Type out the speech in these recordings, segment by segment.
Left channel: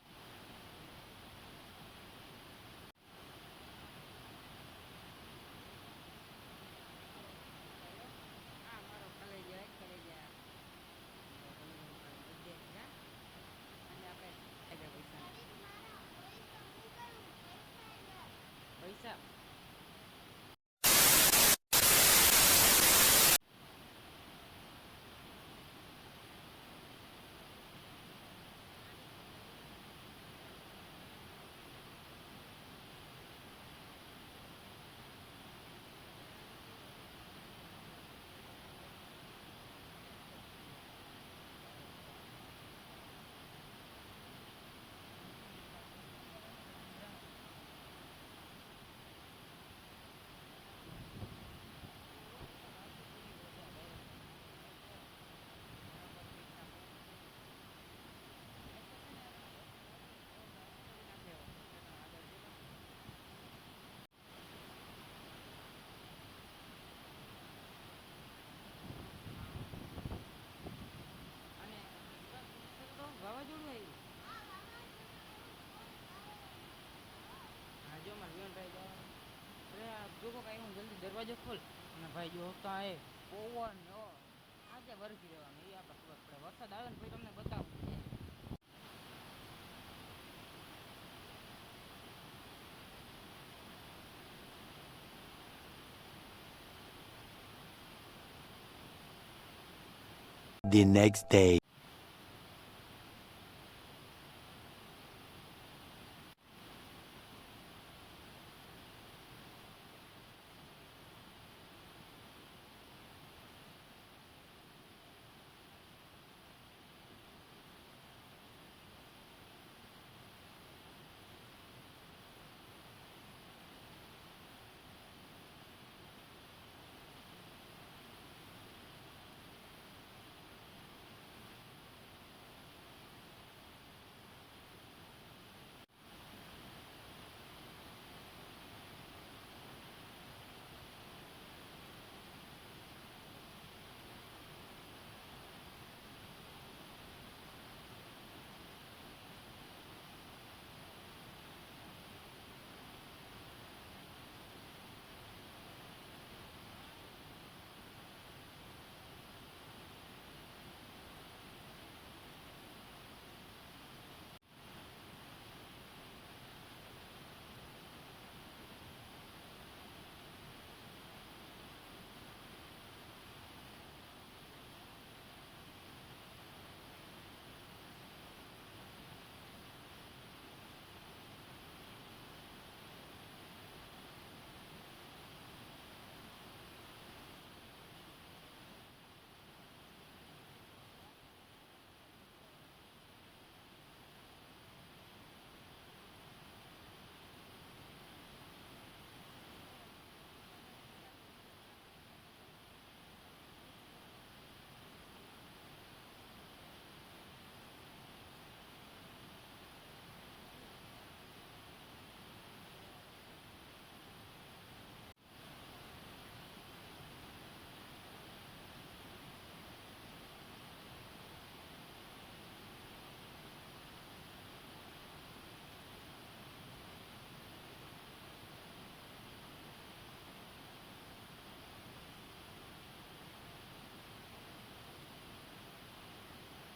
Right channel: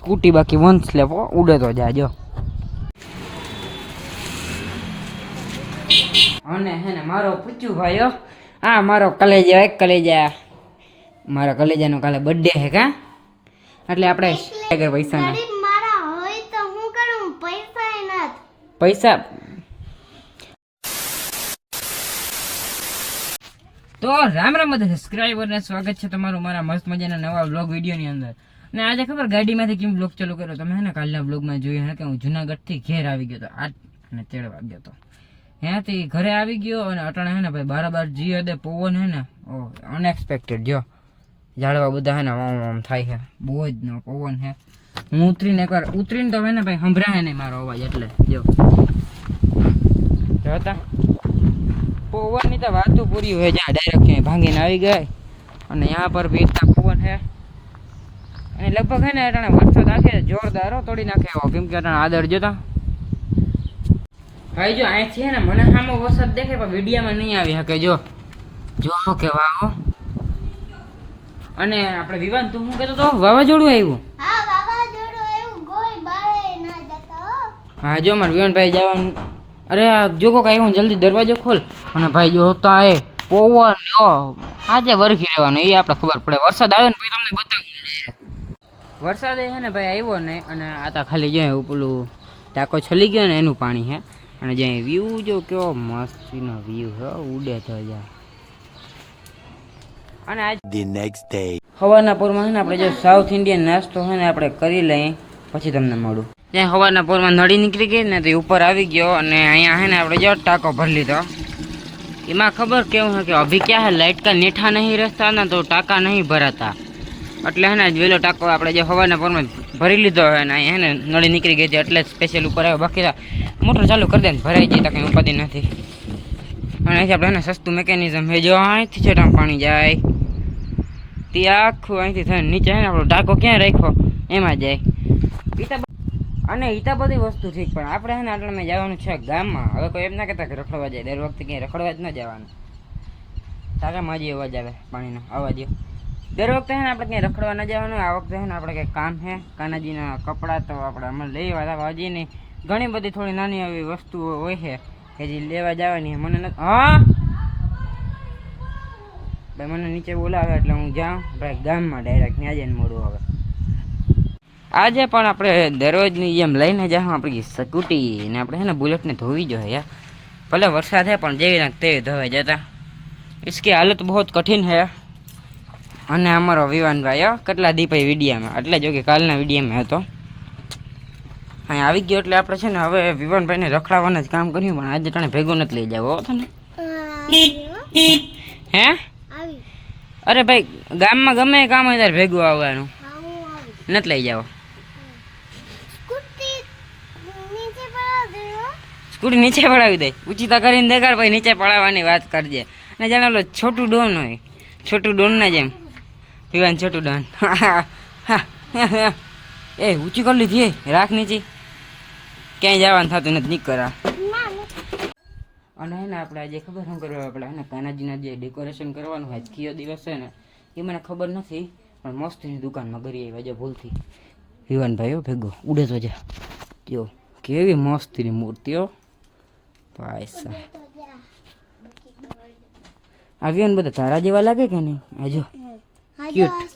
Scooty બાકી વંશ લેવો ઉડે તો જાજો અને હે ને મારો પૂછ્યું ભાઈઓ આ મારો કલેજા એક કલેજા મારા કલેજાનો કાલે બર્થડે હે કા? એટલે આપણે આગળ પૈસા ના પૈસા. તો રામ રામ બધા સબસ્ક્રાઈબર ને સ્વાગત છે તમારું મારા મસ્ત મજાના નવા બ્લોગ વિડીયોની અંદર. ને આજે ખબર ગાડીમાંથી કેમ બ્લોગ ચાલુ કર્યો તમે હે ને કાલના બ્લોગમાં જોયું હે કે હું જુનાગઢથી ઘેર આવી ગયો હતો. આઠ મેં તેર વાગ્યો હતો. ત્યાંથી ઘરે આવી ગયો અને અટાણે હે ને ભાઈ બરાબર જી હદે પવન હે ને, ઓ અનએક્સપેક્ટેડ જો. ઝાડવા બધા હે ને ઓમ ઓમ થાય છે બહુ જ નો પવન હે. હું ઉતરીને એકવાર, ઉતરીને તો હે ને ભાઈ સંભળાય નહીં મારો અવાજ એટલે, જો. જોતા પવનની તો વાતું પૂરી હોય, જ્યાં ડાયરેક્ટ ભાંગીને આવી ગઈ. અને ત્યાં પર ભીડતા પવન હે. અને લગભગ હે ને અટાણે વરસાદ આખે જોરદાર હો, તોડી નાખે. એવો કેમ કે અટાણે આદર જોતા ભાઈ જો અહીં છે ને મને સામો વરસાદ દેખે પણ વિડીયામાં નહીં આવી શકે જો. જો કે વાહ અને આપણે વિવાન તું શું કહેતો તો વાવાઝોડું આવ્યું? હા જો મારે વિવાનભાઈ જવાનું. અરે જો કોક આવ્યું જલ્દી દરવાજો ખોલ. અને ભાઈ જો તો એ પવન આજે વરખી રહેવાનું એ આપણે ખબર પડે. વરસાદ આવે ને પછી તમને બતાવું. વરસાદ છે ને ભાઈ આવ્યો ને અને આ તો ખાલી જ્યાં એવું પેલું ટાંકો છલી ગયો ને એનું પાણી છે અને જ્યાં વ્યૂ જો કેવો મસ્તીનો વ્યૂ છે ઉડે તો જા. અને આજ ધી નેક્સ્ટ ડે હવાના પોરમાં છે ને આપણે જો સાઉથ ઇન્ડિયન નાસ્તો છે ને આપણે કરી લઈએ પછી તમને મળું. ત્યાં હવાના પોરમાં નળી નીકળી ગઈ ને તો ઉપર આવી ગયો અને અહીંયા છે ને આપણે જો ટાંકો ભરી લીધો. એમાં ખબર કેવું છે કે અભી ક્યાં હે? લાઇટ કા નીઠા નહીં રસ્તા ને તો ટાંકા નહીં ભરાતા. એટલે હે ને વેલો ટાંકો આપણે જે હવાના પરમાં ભરી લીધો હોય ને હે ને, નળી નીકળી ગઈ છે, એટલે સ્પેશિયલ ઉપર આવ્યો. બાકી મોટર ચાલુ કરી દે ને, ભરાઈ જાય, તો કંઈ ઉપાધિ નથી. અને અહીંથી આપણે એને સસ્તું મેકેનિઝમ હે, જો અહીંથી છે પાણી જાય. તે આખું અહીંથી થઈને નીચે હે ને, આપણો ટાંકો ક્યાં રાખ્યો? એમાં જાય. ઈતા અને ઈતા બધી વસ્તુ ઠીક, પણ આપણે હે ને, આટલા મેં જવાનું છે ગામમાં. હવે કોઈ એમ ના કહેતા કે રખડવા જાય. દર વખતે ક્યાંય રખડવા જ ન જવાનું. તારા માજી અવાજ આવે પાણીનો. અવાજ દર વખતે હે ને આપણે ક્યાંય રખડવા ન જવાનું આ વખતે હે ને આપણે કંઈક કામ છે કાનાજીના કપડાં તો આપણે અમને લઈ આવ્યા હજી નહીં ઘણી બધી થોડી નાની એવી વસ્તુઓ હોય છે કે જે લેવા જવાની છે. મને નથી હા ભાઈ મને નીચે બોલાવે એટલે હું જાઉં ભાઈ ગામમાં ડાયરેક્ટ ત્યાં જઈને મળું હવે આજે પણ આપણે દરરોજની જેમ લઈને જાઉં આપણી સ્કૂટી ને આપણે છે ને બુલેટને ધોવી જોઈએ યાર ભલે વરસાદ છે પણ જેવી નાખ તેવી ધોવાઈ જતા इसकी हालत बहुत कठिन है અને અમારો વિવાનભાઈ હો, કેટલા દીપાઈ વિડીયામાં. એટલે જો કે કાલના વિડીયામાં હતો. અહીં આવી ગયો એટલે આપણે છે ને હવે વિવાનભાઈને રખડાવવાના જ કામ કર્યું પણ આજે તને ભેગો નથી લઈ જાવ તને. હે? અરે ભાઈ ગામમાં ગમે કામ હોય ત્યારે ભેગું આવવાનું. નથી લઈ જાવ. સ્કૂટી નીચે પડાવી દે. ઉચિતા કરીને દેખાડ ભાઈ નીચે પડાવવાની વાત કરજે. અને જાણે છોટું ડોન હોય. છોટું ડોનના જેમ. પીવાનું છોટું ડન. એ, ઊંચી કરી લીધી રાખ નીચી. ક્યાંય જવાનું થતું નથી નીકળા કરા. અને હે ને આપણે આજે ખબર શું કરવા, આપણે હે ને કાનાજીના જે ડેકોરેશન કરવાનું હોય, આજકીયો દિવસ છે ને, એ મને ખબર નથી, પણ મસ્તીની દુકાનમાં કરી આવી આજે ભૂલથી. વિવાનભાઈ હો, ભેગો, ઉડે તો જા. કયો કેવી મસ્તીની મૂર્તિઓ ભાઈ સાહેબ આવ્યો ને બધા તારા જેવા લાગે કે નહીં? આજે કેપ્ટન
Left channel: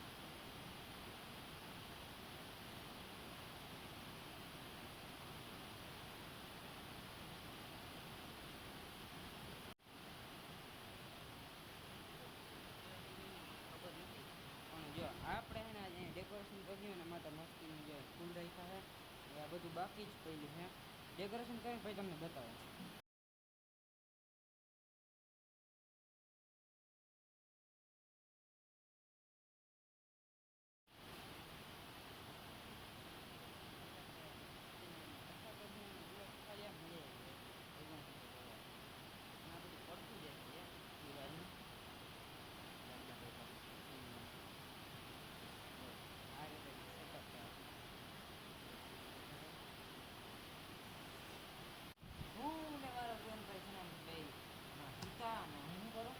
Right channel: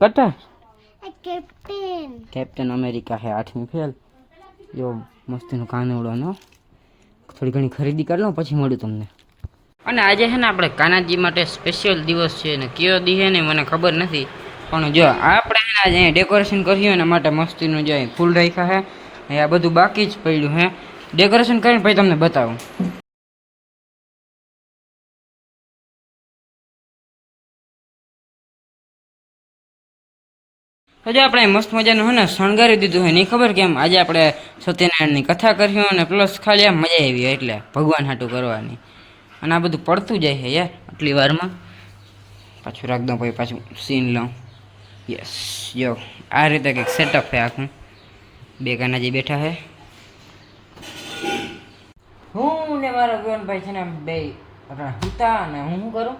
કટા કેપ્ટન કેપ્ટન અમેરિકા હે આઠમી ફેલ જો મસ્તીનો કાનુડોનો થોડી ઘણી ખરીદી કરી લઉં પછી મળ્યું તમને. અને આજે છે ને આપણે કાનાજી માટે સ્પેશિયલ દિવસ છે ને કયો દી છે ને મને ખબર નથી. પણ જો આપણે આજે ડેકોરેશન કર્યું એના માટે મસ્તીનું જો ફૂલ રાખ્યા છે આ બધું બાકી જ પડ્યું છે ડેકોરેશન કરીને પછી તમને બતાવું. તો જો આપણે મસ્ત મજાનું હોય ને શણગારી દીધું હોય નહીં ખબર કેમ? આજે આપણે સત્યનારાયણની કથા કરી અને પ્લસ ખાલી આમ મજા આવી હોય એટલે ભગવાન હાટું કરવાની. અને આ બધું પડતું જાય છે યાર આટલી વારમાં. પાછું રાખ દઉં, પછી પાછું સીન લઉં. યસ જો, આ રીતે કંઈક સેટઅપ છે આખું. બે કાનાજી બેઠા છે. હું ને મારો ભાઈ છે ને બે હતા અને હું શું કરું?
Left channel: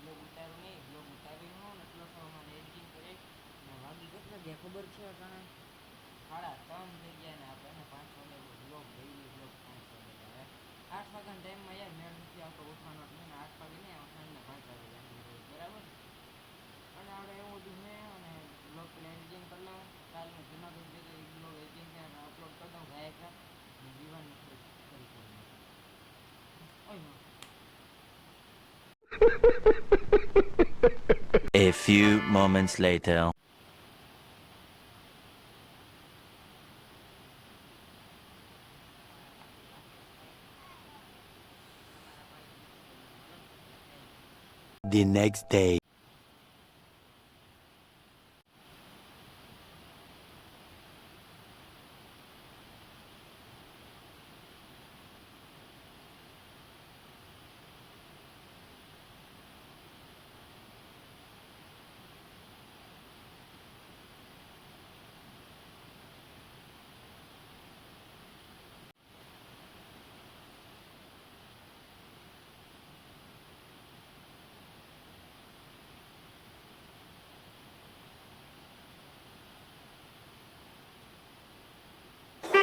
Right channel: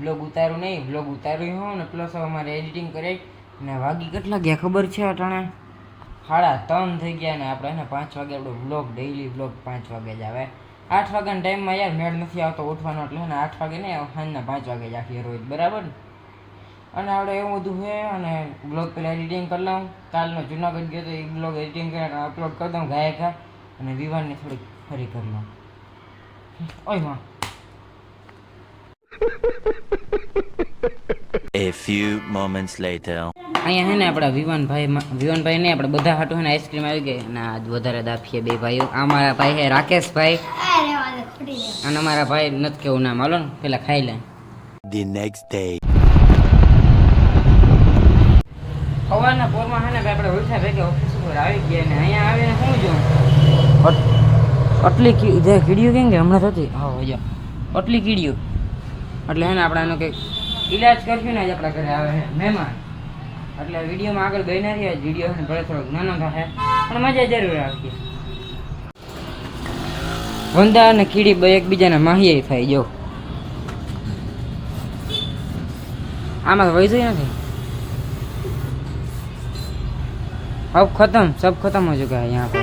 બ્લોગ ઉતારું નહીં બ્લોગ ઉતાર્યું હોઉં ને પ્લસ હવે મારે એડિટિંગ કરે ને વાગી કેટલા ગયા ખબર છે અટાણે? સાડા ત્રણ થઈ ગયા ને આપણે ને પાંચ વાગે આપણો બ્લોગ ડેઈલી બ્લોગ પાંચ વાગે જ આવે. આઠ વાગ્યાના ટાઈમમાં યાર મેળ નથી આવતો ઉઠવાનો, એટલે ને આઠ વાગે નહીં, સાંજના પાંચ વાગે જ આખી રોજ, બરાબર? અને આપણે એવું બધું છે, અને બ્લોગ પહેલાં એડિટિંગ કરી લઉં. કાલનો જુનાગઢ ગયો તો એ બ્લોગ એડિટિંગ કરીને અપલોડ કરી દઉં ગાયકા, અને વિવાનને થોડીક ફરી કરી લઉં. ઓયમાં. A few moments later. અહીંયા હે ને આપણા વિવાનભાઈ વિવાનભાઈ ને આપણે બધા હાટું હે ને આઈસ્ક્રીમ આવી ગઈ અને આજ વધારે દાફીએ બે ભાઈઓ. આ મારા ભાઈ હે રાકેશભાઈ. અને મારા ભાઈ નથી કેવું નામ. હાલો ને પેલા ખાઈ લે. The next day. સવારના પોરમાં હે ને આપણે ઉઠ્યા ભેગા ઓફિસ ઉપર આવી ગયા ને અહીંયા આવીને શું જોઉં? આટલી જે કીડીઓ કેમ કે હમણાં થતી હા જો આટલી કીડીઓ. એટલે હે ને આપણે એનો કંઈક ઈલાજ કરશું ને આજ આપણા ઘરે આવે છે મહેમાન એટલે વિડીયોમાં આગળ બન્યા રહ્યા વિડીયો ને ભલે થોડોક નાનો થશે પણ મજા જરૂર આવશે વંદા અને કીડી બે એકબીજાના માહિયા થાય જો આમાં તો વૈસું નથી अब खत्म सब खत्म हो चुका है यहाँ पे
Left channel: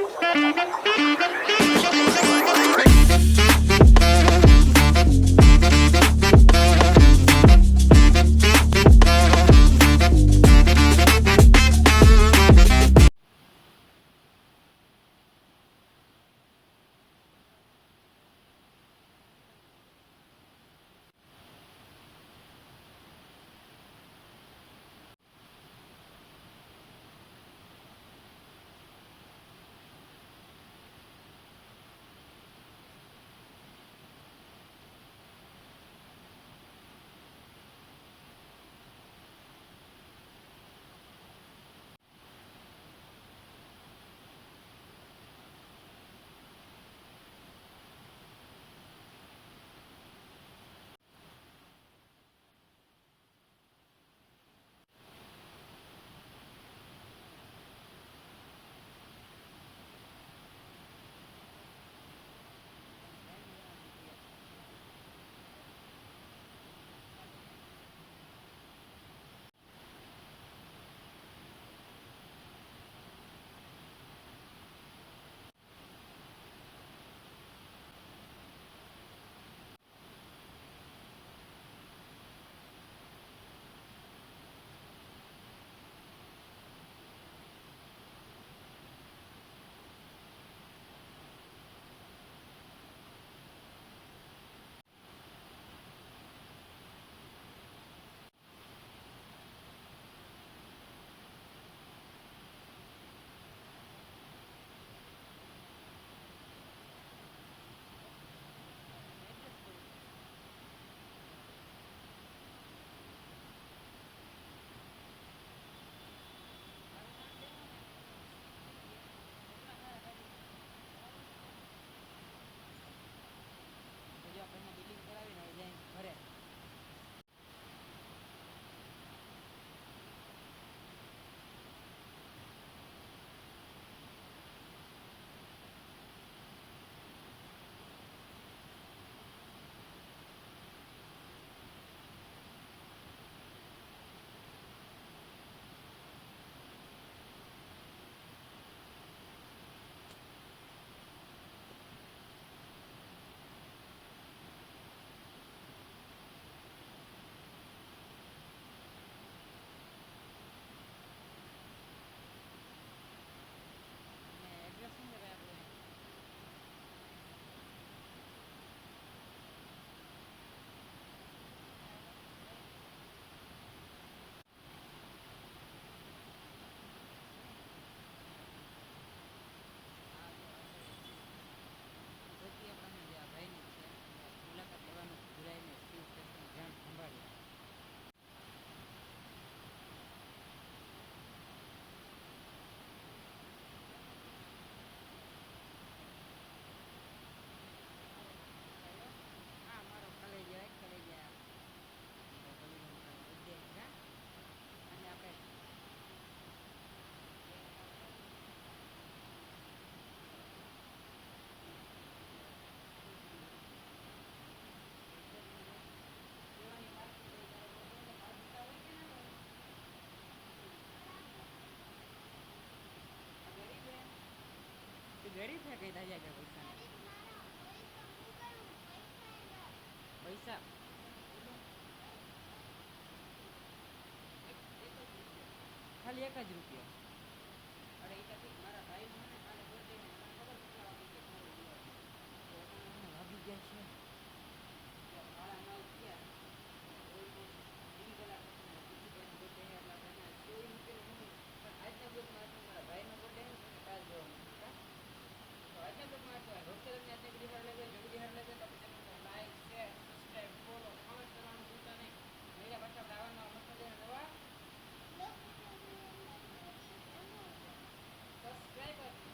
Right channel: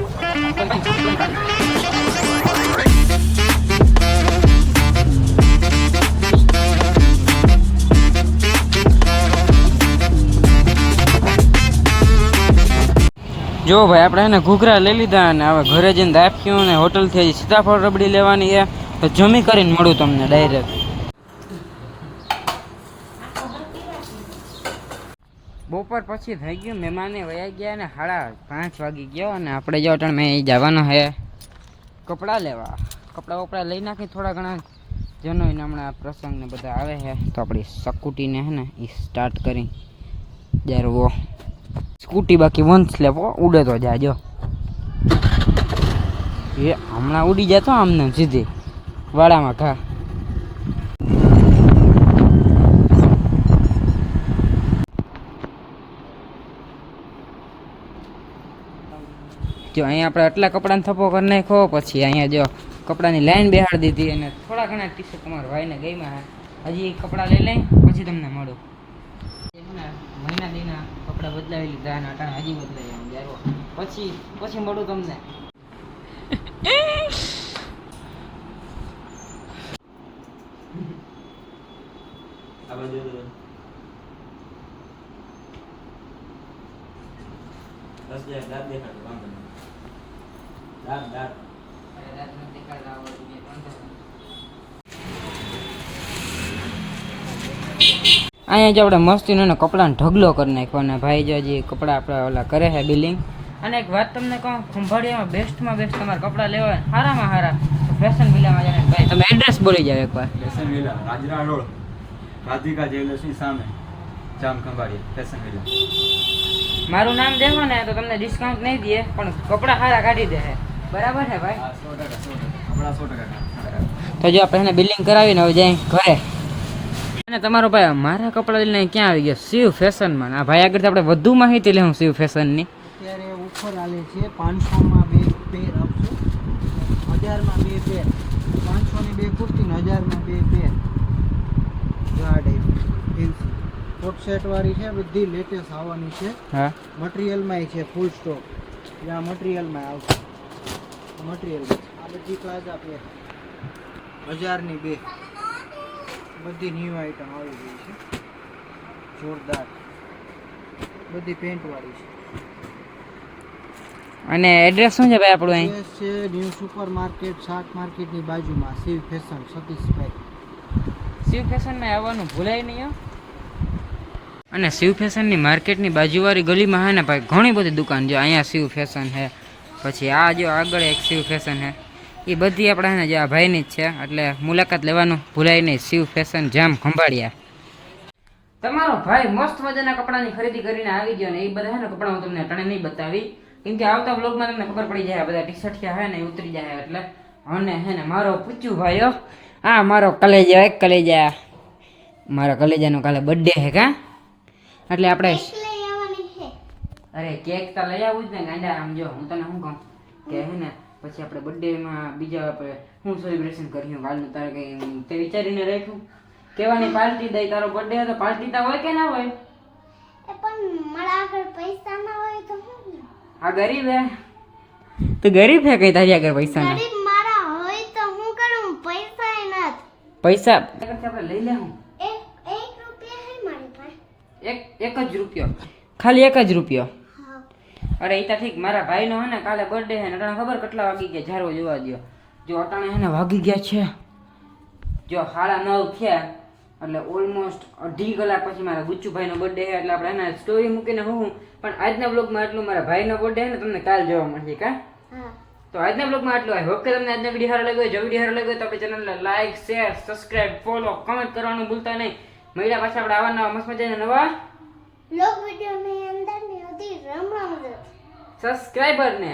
જો ભાઈ, આપણે એને ઘૂઘરા લઈ લીધા અને હવે ઘરે જઈને દાફ્યું ને હોટલથી સીતાફળ રબડી લેવાની છે. તો જમી કરીને મળું તમને ડાયરેક્ટ બપોર પછી થઈ ગયું મહેમાને વયા ગયા અને સાડા પાંચ વાગી ગયો અને આપણે જો અટણ મેં જવાનો હે કપડાં લેવા. કપડાં વપડા લઈ નાખી થોડા ઘણા જેનો એને હમણાં પ્રસંગને બધા આવે છે. તો આપણી સકુટીને હે ને એ સ્ટાર્ટ કરી જ્યારે સ્કૂટી બાકી વંશ લેવો ઉડે તો જાજો એ હમણાં ઉડી જતો આમને સીધી, વાડામાં ખા જો અહીંયા આપણે આટલા કપડાને થપ્પો કરી નાખ્યો, પછી અહીંયા જો કપડાની લાઈન બેહાડી દીધી અને થોડા ઘણા ટીશર્ટ તમારા ભાઈને ગઈમાં હજી કપડાં લઈ લઈ, પછી તમને મળું. મહિના દીના કપડાં બદલાવી લીધા અને અટાણે હજી બદલાઈ આમ જારો પછી પછી મળું તમને. અહીંયા જો આપણે મસ્તીનો ને કપડાને ઢગલો કરી નાખ્યો અને ભાઈ જો કપડા કપડાં આપણે ઓલા કરે છે બિલિંગ. અને એક વાત તમને કહું ખંભાળિયામાં બેસ્ટમાં બેસ્ટ તમારે કપડાં લેવા સારામાં સારા ફેશન વિલામાં જાય ભાઈ તમે એડ્રેસ બોલી જાવ એકવાર. ફેશન વિલા રાજરા રોડ રાધિકા જ્વેલર્સની સામે જામ ખંભાળિયા ફેશન વિલા. મારું નામ દેખો ને તો તમને ડિસ્કાઉન્ટ નહીં દે પણ કપડાં સારા કાઢી દે બરાબર છે ભાઈ? સો ટકા સો ટકા. કપડાં સો ટકા તો જો આપણે એને બિલિંગ કરાવીને હવે જાય ઘરે. અને તમારો ભાઈ મારા કપડાં લઈને ક્યાં આવી ગયા? શિવ ફેશનમાં. આ ભાઈ આગળ આપણે વધુ માહિતી લેવું શિવ ફેશનની. અત્યારે ઓફર આવે છે પાંચસોમાં બે પેર આપશો? હજારમાં બે પેર પાંચસોની બે કુર્તી ને હજારમાં બે પેર આ ટાઈપ કોટ સેટવાળી છે બધી લેટેસ્ટ આવવાની છે. હા. મટીરિયલમાં છે ફૂલ સ્ટોક જ્યાં મટીરિયલમાં આવશે. મટીરિયલ આ બધી પ્લાઝા પેર હજારની બે. બધી ન્યૂ આઈટમ આવી ગઈ છે. જોરદાર. બધી પેન્ટવાળી છે. અને એડ્રેસ શું છે ભાઈ આપણું અહીં? છે ન્યૂ સુપર માર્કેટ શાક માર્કેટની બાજુમાં શિવ ફેશન સતીશભાઈ. શિવ ફેશનમાં આવવાનું ભૂલાય નહીં હો. અને શિવ ફેશનની માર્કેટની બાજુવાળી ગલીમાં હે ને ભાઈ ઘણી બધી દુકાન જો અહીંયા શિવ ફેશન છે. પછી આ જો આગળ એક શિવ ફેશન છે. એ બધી આપણે જે આ ભાઈની જ છે એટલે મુલાકાત લેવાનું ભૂલાય નહીં. શિવ ફેશન જામ ખંભાળિયા. તમારો ભાઈ મસ્ત મજાના કપડાની ખરીદી કરીને આવી ગયો ને એ બધા ને કપડા હું તમને અટાણે નહીં બતાવી. કેમ કે આવતા બ્લોગમાં તમને ખબર પડી જાય બધા ટી શર્ટ હે ને ઉતરી જાય એટલે. અને હે ને મારો પૂછ્યું ભાઈઓ આ મારો કલેજા એક કલેજા. મારા કલેજાનો કાલે બર્થડે હે કા? એટલે આપણે અરે કેક તો લઈ આવું જ ને ગાંડા આમ જો હું તને શું કહું? કે હે ને પછી આપણે બર્થડેમાં બીજા આપણે શું સેલિબ્રેશન કર્યું કાલનું તારે કંઈ તે વિચારીને રાખ્યું? કહેવાની પાર્ટી દઈ તારો બર્થડે હતો પાર્ટી તો હોય કે ના હોય? પણ મારા આગળ પૈસા ના હોય તો આ ગરીબ હે. તો ગરીબ હે કઈ તારી આગળ પૈસા ના? ગરીબ મારા હોય તો હું કરું? પૈસા એ ના પૈસા આપણે લઈ લે હું. એક એક રૂપિયા હે મારી પાસે. એક એક જ રૂપિયો. ખાલી એક જ રૂપિયો. હા અરે એ ઠીક મારા ભાઈનો હે ને કાલે બર્થડે હે ને અટાણે ખબર કેટલા વાગી ગયા? જારો જોવા દ્યો જો અટાણે હે ને વાગી ગયા છે. જો સાડા નવ થયા એટલે ઓલમોસ્ટ અઢી કલાક પછી મારા ગુચ્ચુભાઈનો બર્થડે હે એટલે આપણે એના સ્ટોરી મૂકીને હું પણ આજના બ્લોગમાં એટલું મારા ભાઈનો બર્થડે હે ને તમને કાલ જોવા મળશે કા? તો આજના બ્લોગમાં આટલું હોય. હોપ કે તમને આજના વીડિયો સારો લાગ્યો હોય. જો વીડિયો સારો લાગ્યો તો આપણી ચેનલને like share subscribe follow comment કરવાનું ભૂલતા નહીં. મળ્યા પાછા આપણે આવા નવા મસ્ત મજાના નવા લોક વિડિયો ની અંદરની હતી રમ રમ સબસ્ક્રાઈબરને